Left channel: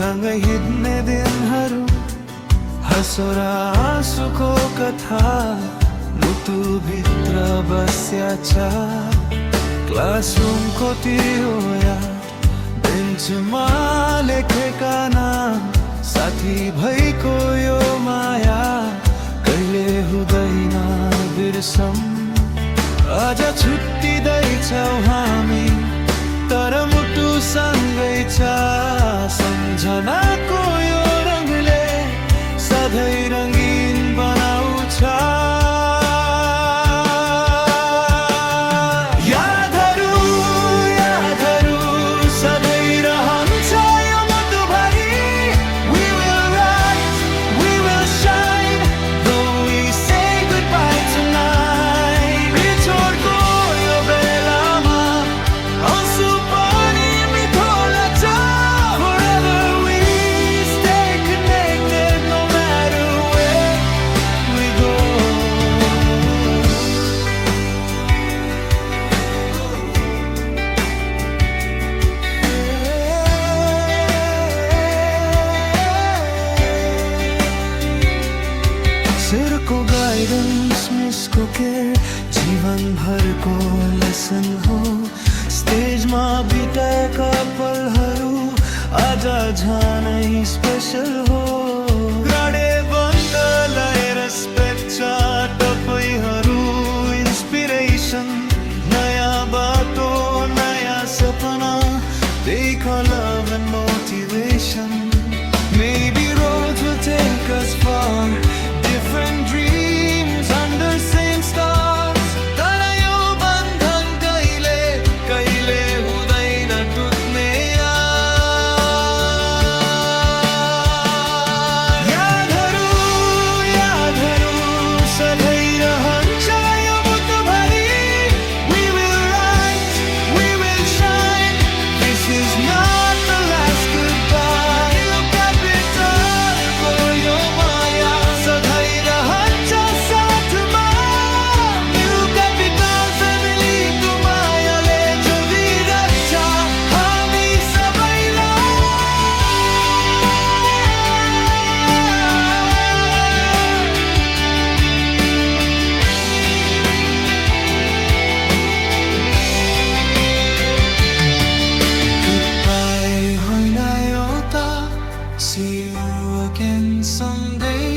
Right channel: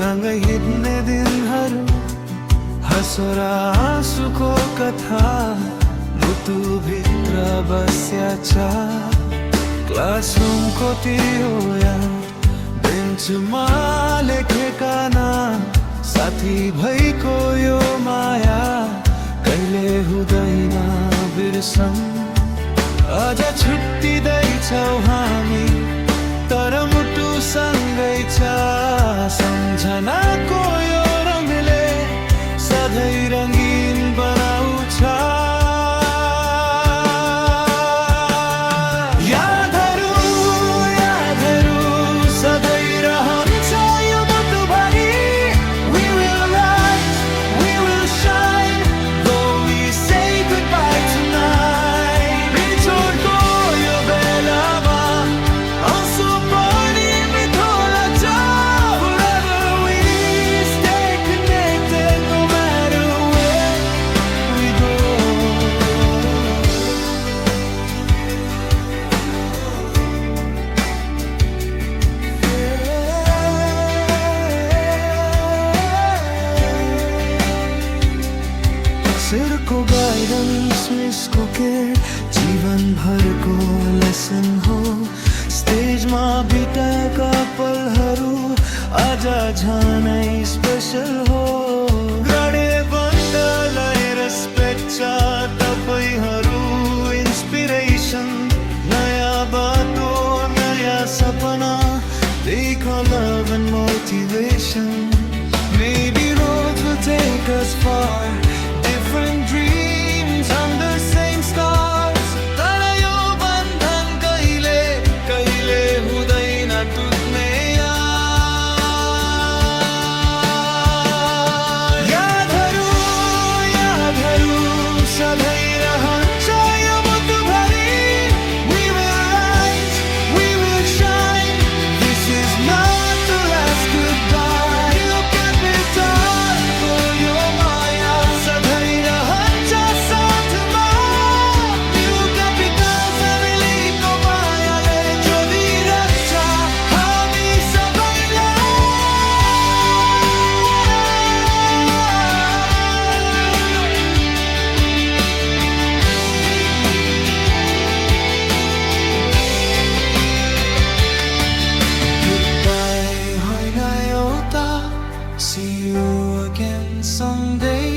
सँगै हिँड्ने दिनहरू, हँसो र आँसुको कथा मुटुभित्र बस्या छ। क्लासरुमको त्यो याद, बेन्चमा लेखेका नाम, साथी भइको यो माया कहिले हुँदैन बिर्सम। अझ छुट्टिँदैछौ हामी, तर मुटु सँगै छ। सम्झनाको यो रङले सधैँ रङ्गीन बनाउँछ। यादहरू यादहरू सधैँ रहन्छ यो मुटुभरि। We will rise, we will shine, though we say goodbye tonight. बिछोडको यो बेलामा आँसु पनि मिठो लाग्छ। Forever we stay connected, no matter where we go. सिरको गाइडेन्स, मिसको केयर, जीवन भरको लेसन हो। स्टेजमा बिताएका पलहरू आज झनै स्पेसल हो। ग्राडे बन्दलाई रेस्पेक्ट छ, तपाईहरू इन्स्पिरेसन। नयाँ बाटो नयाँ सपना, देख love and motivation. Maybe roads will take us far, different dreams under same stars. तर यो बन्धन कहिले कहिले हुँदैन टुट्ने। यादहरू यादहरू सधैँ रहन्छ यो मुटुभरि। We will rise, we will shine, this is not the last goodbye. New capital को यो माया सधैँ रहन्छ साथमा। New capital family को मायाले जोडिराख्छ हामी सबैलाई। Goodbye होइन एउटा, see you again someday.